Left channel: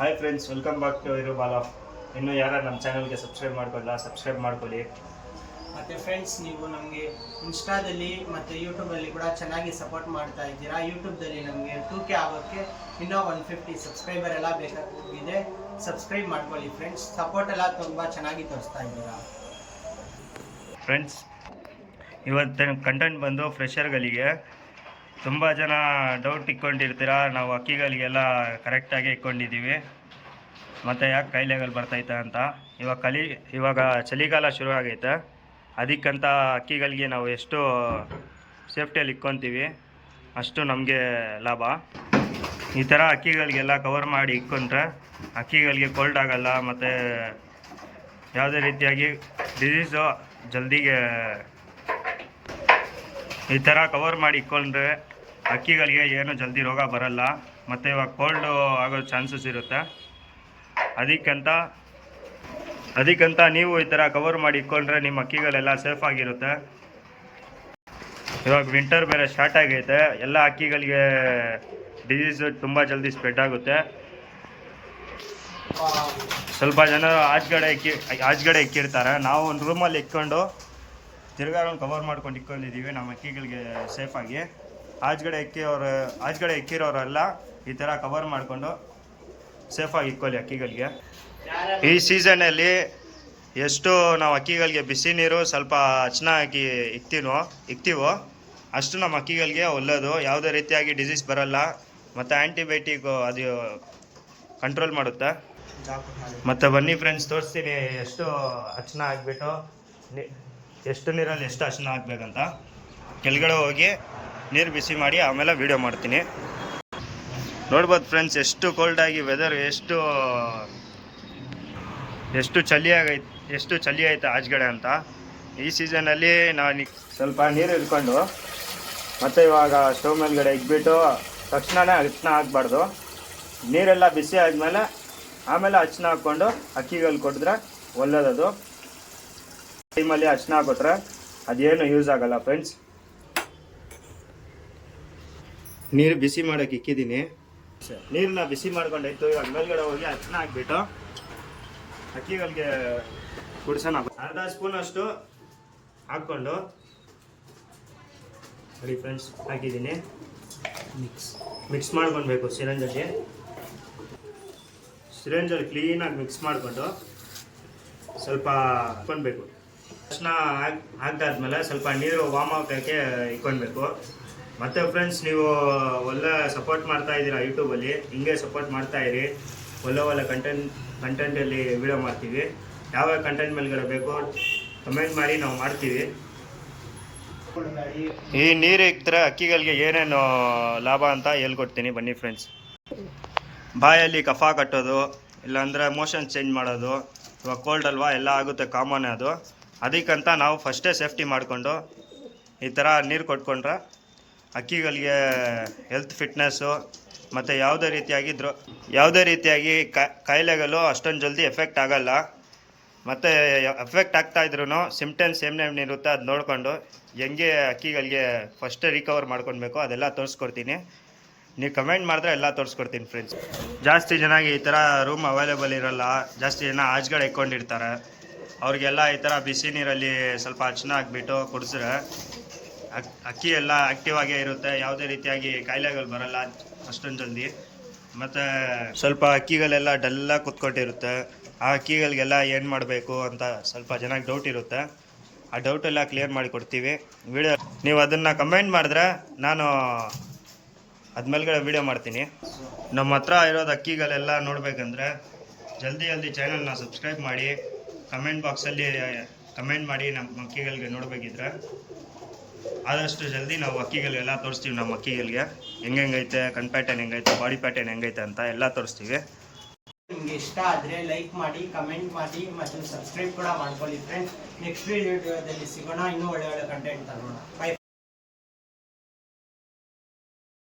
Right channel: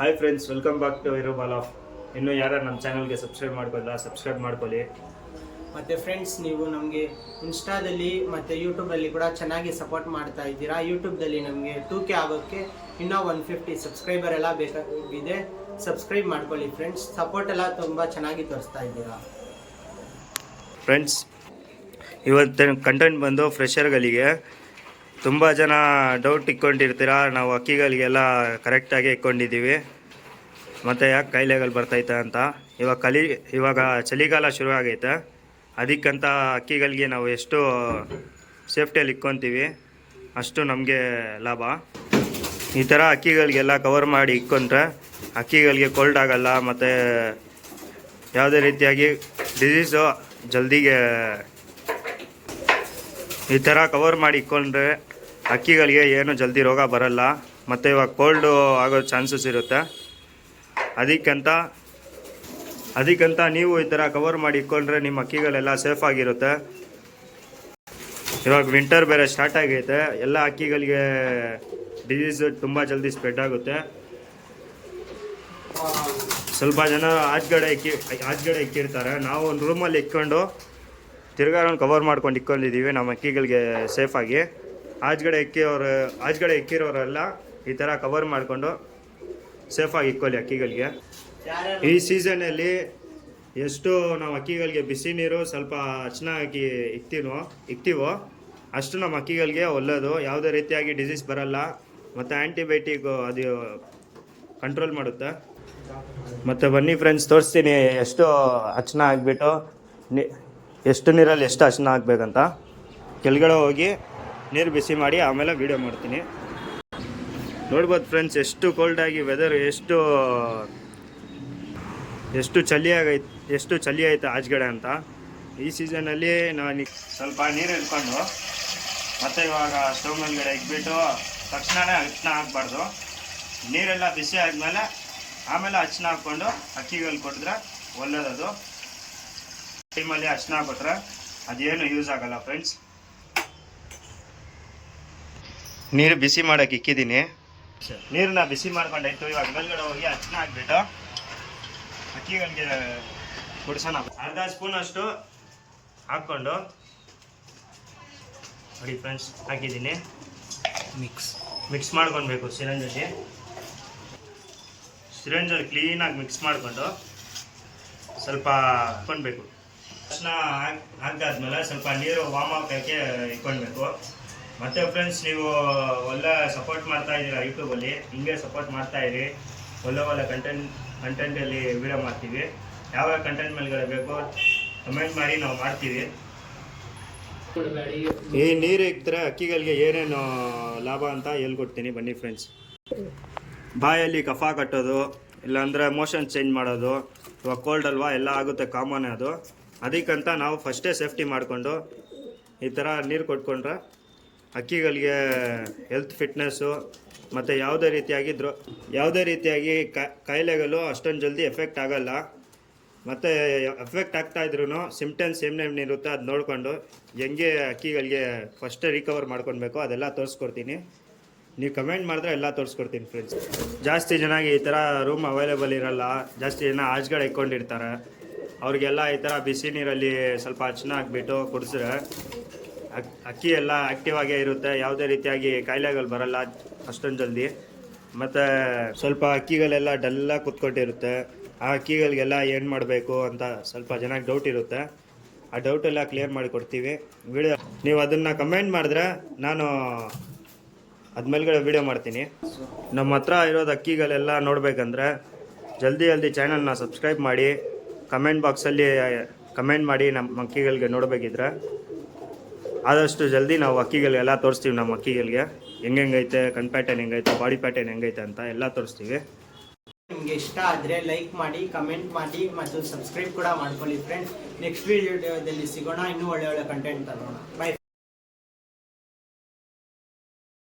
Hi friends, welcome back to ಇರು ಬಾಲ್ ಆಫ್. ಇನ್ನು ಯಾರು ನಮ್ಮ ಚಾನಲ್ಗೆ ಸಬ್ಸ್ಕ್ರೈಬ್ ಮಾಡ್ಕೊಳ್ಳಲ್ಲ, ಸಬ್ಸ್ಕ್ರೈಬ್ ಮಾಡ್ಕೊಳ್ಳಿ. ಮತ್ತು ಫ್ರೆಂಡ್ಸ್, ನೀವು ನಮಗೆ ಇನ್ಸ್ಟಾದಲ್ಲಿ ಮತ್ತು ಯೂಟ್ಯೂಬಲ್ಲಿ ಕೂಡ ಚೆನ್ನಾಗಿ ಸಪೋರ್ಟ್ ಮಾಡ್ತಾ ಇದ್ದೀರಾ. ಯೂಟ್ಯೂಬ್ದಲ್ಲಿ ನಮಗೆ 2K ಆಗೋಕ್ಕೆ ಇನ್ನೂ 150 ಸಬ್ಸ್ಕ್ರೈಬರ್ ಎಲ್ಲ ಬೇಕಾಗಿದೆ. ಸಬ್ಸ್ಕ್ರೈಬ್ ಮಾಡ್ಕೊಳ್ಳಿ ಫ್ರೆಂಡ್ಸ್. ಸಪೋರ್ಟ್ ಎಲ್ಲ ತುಂಬ ಚೆನ್ನಾಗಿ ತೋರಿಸ್ತಾ ಇದ್ದೀರಾ ಫ್ರೆಂಡ್ಸ್. ಇವತ್ತಿನ ಕಂಟೆಂಟ್ ಬಂದು ಫ್ರೆಷರ್ಗಳಿಗೆ. ತುಂಬ ಜನ ಡೌಟ್ ಇಟ್ಕೊಂಡಿರ್ತೀರ, ನಾವು ಅಕ್ಕಿಗಳಿಗೆಲ್ಲ ಕರೆಕ್ಟಾಗಿ ಇಟ್ಕೊಂಡಿದ್ದೀವಿ, ಮತ್ತು ಯಾಕೆ ಕಾಯಿಲೆಗಳು ಬರ್ತೈತೆ ಅಂತ. ಇವಾಗ ಚಳಿಗಾಲ ಶುರು ಆಗೈತೆ, ಅದಕ್ಕಂತ ಅಕ್ಕಿಗಳಿಗೆ ನಾವು ಎಷ್ಟು ಸೇಫ್ಟಿಯಲ್ಲಿ ಇಟ್ಕೊತೀವಿ ಅಷ್ಟು ನಮಗೆ ಲಾಭ. ಈ ಥರ ಅಕ್ಕಿಗಳಿಗೆಲ್ಲ ಕವರ್ ಮಾಡಿ ಇಟ್ಕೊಂಡ್ರೆ ಅಕ್ಕಿಗಳಿಗೆ ಕೋಲ್ಡ್ ಆಗಲ್ಲ, ಮತ್ತು ಯಾವುದೇ ರೀತಿಯಾಗಿ ಡಿಸೀಸು ಜಲ್ದಿಗೆ ಈ ಥರ ಕವರ್ ಮಾಡಿ ಇಟ್ಕೊಂಡ್ರೆ ಅಕ್ಕಿಗಳಿಗೆ ಏನು ಜಲ್ದಿ ರೋಗ ಬರಲ್ಲ, ಮತ್ತು ಇವಾಗ ಕೋಲ್ಡು ಆಗೋ ಚಾನ್ಸಸ್ ಇರುತ್ತೆ. ಅದಕ್ಕಂತ ನೀವು ಈ ಥರ ಕವರ್ ಮಾಡಿ ಇಟ್ಕೊಂಡ್ರೆ ನಿಮ್ಮ ಅಕ್ಕಿಗಳೆಲ್ಲ ಸೇಫ್ ಆಗಿರುತ್ತೆ. ಇವಾಗ ವಿಂಟರ್ ಬೇರೆ ಸ್ಟಾರ್ಟ್ ಆಗೈತೆ, ಎಲ್ಲ ಅಕ್ಕಿಗಳಿಗೆ ಡಿಸೀಸ್ ತುಂಬ ಜಲ್ದಿ ಸ್ಪ್ರೆಡ್ ಆಗುತ್ತೆ. ಸ್ವಲ್ಪ ಜನ ಆಚೆಗಡೆ ಇಕ್ಕಿರ್ತಾರೆ. ನಾವು ಒಂದು ರೂಮಲ್ಲಿ ಇಟ್ಕೊಂಡು ತಿರ್ಗಾ ಕವರ್ ಮಾಡ್ಕೊಂಡು ಇಟ್ಕೊಂಡಿದ್ದೀವಿ ನಮ್ಮ ಅಕ್ಕಿಗಳಿಗೆ ಸೇಫಾಗಿ. ಆಚೆಗಡೆ ಇಕ್ಕಿರೋರೆಲ್ಲ ಈ ಥರ ಕವರ್ ಮಾಡಿಕೊಂಡು ಸೇಫಾಗಿ ಇಟ್ಕೊಳ್ಳಿ ಅಕ್ಕಿಗಳಿಗೆ. ಈ ಸೀಸನಲ್ಲಿ ಎಷ್ಟು ನಾವು ಅಕ್ಕಿಗಳಿಗೆ ಬಿಸಿ ನೀರು ಸ್ವಲ್ಪ ಹಚ್ಚನ ಹಾಕಿ ಇಕ್ತೀವೋ ಅಷ್ಟು ನಮ್ಮ ಅಕ್ಕಿಗಳಿಗೆ ಒಳ್ಳೆಯದು. ಯಾವುದೇ ರೀತಿಯಾಗಿ ಡಿಸೀಸ್ ಬರಲ್ಲ, ಮತ್ತು ಆ್ಯಂಟಿಬಯೋಟಿಕ್ ಅದು ಕಂಟ್ರೋಲ್ ಮಾಡುತ್ತೆ. ಮತ್ತು ಬನ್ನಿ ಫ್ರೆಂಡ್ಸ್, ತೋರಿಸ್ತೀನಿ ಎಷ್ಟು ಹಚ್ಚನ ಹಾಕ್ಬಿಟ್ಟು ಎಷ್ಟು ನೀರಲ್ಲಿ ಎಷ್ಟು ಹಚ್ಚನ ಹಾಕ್ಬೇಕಂತ. ಕೆಳಗಡೆ ಹೋಗಿ ನೀರು ಬಿಸಿ ಮಾಡಿ ಆಮೇಲೆ ವೀಡಿಯೋ ಮಾಡ್ತೀನಿ. ನೋಡ್ಬೋದು ಫ್ರೆಂಡ್ಸ್, ಎಷ್ಟು ಕೋಲ್ಡಾಗಿ ವೆದರ್ ಎಷ್ಟು ಚಳಿ ಐತೆ ಆಚೆಗಡೆ ಅಂತ. ಈ ಸೀಸನಲ್ಲಿ ನಾನು ಸ್ವಲ್ಪ ನೀರು ಇಟ್ಕೊಂಡು ಮತ್ತು ಇವಾಗ ಸ್ಟವ್ ಮೇಲ್ಗಡೆ ಇಟ್ಬಿಟ್ಟು ತಕ್ಷಣವೇ ಹಚ್ಚನ ಹಾಕ್ಬಾರ್ದು. ನೀರೆಲ್ಲ ಬಿಸಿ ಆದಮೇಲೆ ಆಮೇಲೆ ಹಚ್ಚನ ಹಾಕ್ಕೊಂಡು ಅಕ್ಕಿಗಳು ಕೊಟ್ಟಿದ್ರೆ ಒಳ್ಳೆಯದದು. ಟೈಮಲ್ಲಿ ಹಚ್ಚನ ಹಾಕಿದ್ರೆ ಅದೇನು ಯೂಸ್ ಆಗಲ್ಲ ಫ್ರೆಂಡ್ಸ್. ನೀರು ಬಿಸಿ ಮಾಡೋಕೆ ಇಕ್ಕಿದ್ದೀನಿ. ನೀರನ್ನ ಬಿಸಿ ಮಾಡ್ಕೊಂಡಾಯ್ತು. ಇವಾಗ ಮೇಲ್ಗಡೆ ಹೋಗಿ ಹಚ್ಚನ ಹಾಕ್ಬಿಟ್ಟು ಅಕ್ಕಿಗಳಿಗೆ ಕುಡಿಸೋಣ. ಅರ್ಧ ಸ್ಪೂನಷ್ಟು ಹಾಕ್ಕೊಂಡು ನೋಡಿ ಫ್ರೆಂಡ್ಸ್, ಹಾಕಿದ್ದೀನಿ. ಮಿಕ್ಸ್ ಮಾಡ್ಕೊಳ್ಬೇಕು. ಸಿರಂಜಲ್ಲಿ ಕ್ಲೀನಾಗಿ ಮಿಕ್ಸ್ ಮಾಡಿಕೊಂಡು ಸ್ವಲ್ಪ ಹಾಕ್ಕೊಳ್ಬೇಕು. ತಕ್ಷಣ ಹಾಕಿದಾದ್ಮೇಲೆ ಸ್ವಲ್ಪ ನೀರು ವಾಮ್ ಹಾಕೋಕ್ಕೆ ಇಟ್ಕೊಳ್ಬೇಕು. ಮತ್ತು ಫ್ರೆಂಡ್ಸ್, ನೀವು ಒಳ್ಳೆ ಸಪೋರ್ಟ್ ಮಾಡ್ತಾ ಇದ್ದೀರಾ ಯೂಟ್ಯೂಬಲ್ಲಿ, ಹಿಂಗೆ ಸಪೋರ್ಟ್ ಮಾಡ್ತಾಯಿರಿ. ಒಳ್ಳೆ ಕಂಟೆಂಟಲ್ಲಿ ವಿಡಿಯೋ ಮಾಡ್ತೀವಿ. ಯಾವ ಕಂಟೆಂಟ್ ಮೇಲ್ಗಡೆ ಬೇಕು ಕಮೆಂಟ್ ಮಾಡಿ, ನಾವು ಮಾಡ್ತೀವಿ. ಈ ನೀರು ಇಕ್ಕಿದ್ರೆ ಅಕ್ಕಿಗಳಿಗೆ ಏನೇನು ಲಾಭ ಅಂತ ಹೇಳ್ಕೊಡ್ತೀನಿ ಬನ್ನಿ ಫ್ರೆಂಡ್ಸ್. ಬಾಯಲ್ಲಿ ಕಫ ಕಟ್ಟೋದು, ಇಲ್ಲಾಂದರೆ ಮೋಷನ್ ಚೇಂಜ್ ಮಾಡೋದು, ಇವಾಗ ಕೋಲ್ಡ್ ಅಲ್ವಾ, ಎಲ್ಲ ಆಗುತ್ತೆ, ಕಾಮನ್ ಅದು. ಅದಕ್ಕಂತ ನಾವು ಫಸ್ಟೇ ಸೇಫ್ಟಿ ಮಾಡಿಕೊಂಡು ಈ ಥರ ನೀರು ಕೊಟ್ಕೊಂಡ್ರೆ ಅಕ್ಕಿಗಳಿಗೆ ಹೆಲ್ತ್ ಫಿಟ್ನೆಸ್ಸು ಮತ್ತು ಯಾವುದೇ ರೀತಿಯಾಗಿ ಕಾಯಿಲೆಗಳು ಅಷ್ಟೊಂದು ಜಲ್ದಿ ಎಫೆಕ್ಟ್ ಆಗಲ್ಲ. ಮತ್ತು ಎಫೆಕ್ಟ್ ಆಗ್ತಾಯಿದ್ರು ಸಿಮ್ಟಮ್ಸ್ ಏನೇನಿರುತ್ತೆ ಅದು ನೋಡಿಕೊಂಡು ಹೆಂಗೆ ಅಕ್ಕಿಗಳಿಗೆ ಫಸ್ಟೇ ರಿಕವರ್ ಮಾಡ್ಕೊಳ್ಬೇಕು ಅದೆಲ್ಲ ತೋರಿಸ್ಕೊಡ್ತೀನಿ. ನೀವು ಕಮೆಂಟ್ ಮಾಡಿದ್ರೆ ಎಲ್ಲ ತೋರಿಸ್ಕೊಡ್ತೀನಿ ಫ್ರೆಂಡ್ಸ್. ಜಾಸ್ತಿ ಜನಗೆ ಈ ಥರ ರೂಮ್ ಅವೈಲೇಬಲ್ ಇರೋಲ್ಲ, ಜಾಸ್ತಿ ಜನ ಆಚೆಗಡೆ ಇಟ್ಕೊಂಡಿರ್ತಾರೆ. ಅವ್ರಿಗೆಲ್ಲ ಈ ಥರ ಬಿಸಿ ನೀರಲ್ಲಿ ಸ್ವಲ್ಪ ಹಚ್ಚನ ಹಾಕ್ಬಿಟ್ಟು ಕುಡಿಸಿದ್ರೆ ಅಕ್ಕಿ ಎಲ್ಲ ಆ್ಯಕ್ಟಿವ್ ಆಗೇ ಇರುತ್ತೆ. ಯಾವುದೇ ರೀತಿಯಾಗಿ ಕಾಯಿಲೆಗಳು ಬರಲ್ಲ ಅಷ್ಟೊಂದು ಜಲ್ದಿ. ಮತ್ತು ಸ್ವಲ್ಪ ಅಕ್ಕಿಗಳೆಲ್ಲ ಡಲ್ಲಾಗಿ ಕೂತ್ಕೊಂಡಿರುತ್ತೆ. ಆ ಅಕ್ಕಿಗಳಿಗೆಲ್ಲ ಏನು ಮಾಡಬೇಕು ಅಂತ ಸ್ವಲ್ಪ ಜನಕ್ಕೆ ಡೌಟ್ ಇರುತ್ತೆ. ಆ ಡೌಟೆಲ್ಲ ಕ್ಲಿಯರ್ ಮಾಡಿ ಕೊಡ್ತೀವಿ. ನೀವು ಅದನ್ನು ಕಮೆಂಟ್ ಮಾಡಿದ್ರೆ ನಾನು ಅದ್ಮೇಲೆ ವೀಡಿಯೋ ಮಾಡ್ತೀನಿ. ನಮ್ಮ ಹತ್ರ ಇರೋದು ಅಕ್ಕಿಗಳೆಲ್ಲ ನೋಡಬೇಕಂದ್ರೆ ಜಲ್ದಿ ಚಾನಲ್ನ ಸಬ್ಸ್ಕ್ರೈಬ್ ಮಾಡಿ, ಕಮೆಂಟ್ ಬಾಕ್ಸಲ್ಲಿ ಕಮೆಂಟ್ ಮಾಡಿ. ನಮ್ಮ ಅಕ್ಕಿಗಳಿಗೆ ನೋಡಬೇಕಿದ್ರೆ ಆದಷ್ಟು ಜಲ್ದಿ ನಾವು ಅಕ್ಕಿಗಳೆಲ್ಲ ತೋರಿಸ್ತೀವಿ. ನಮ್ಮ ಅಕ್ಕಿಗಳಿಗೆ ಹೆಂಗೈತೆ, ಕಣ್ ಪ್ಯಾಟರ್ನ್ ಹೆಂಗೈತೆ, ಬಾಡಿ ಪ್ಯಾಟರ್ನ್ ಹೆಂಗೈತೆ ಅಂತ ಎಲ್ಲ ತೋರಿಸ್ತೀವಿ. ನಿಮಗೆ ಇಷ್ಟ ಆದರೆ ಲೈಕ್ ಮಾಡಿ, ಕಮೆಂಟ್ ಮಾಡಿ ಮತ್ತು ಸಬ್ಸ್ಕ್ರೈಬ್ ಕೂಡ ಮಾಡ್ಕೊಳ್ಳಿ ಫ್ರೆಂಡ್ಸ್. ನೆಕ್ಸ್ಟ್ ವಿಡಿಯೋದಲ್ಲಿ ಸಿಗೋಣ, ಇನ್ನೂ ಒಳ್ಳೆ ಕಂಟೆಂಟ್ ತರೋಣ. ಬೈ.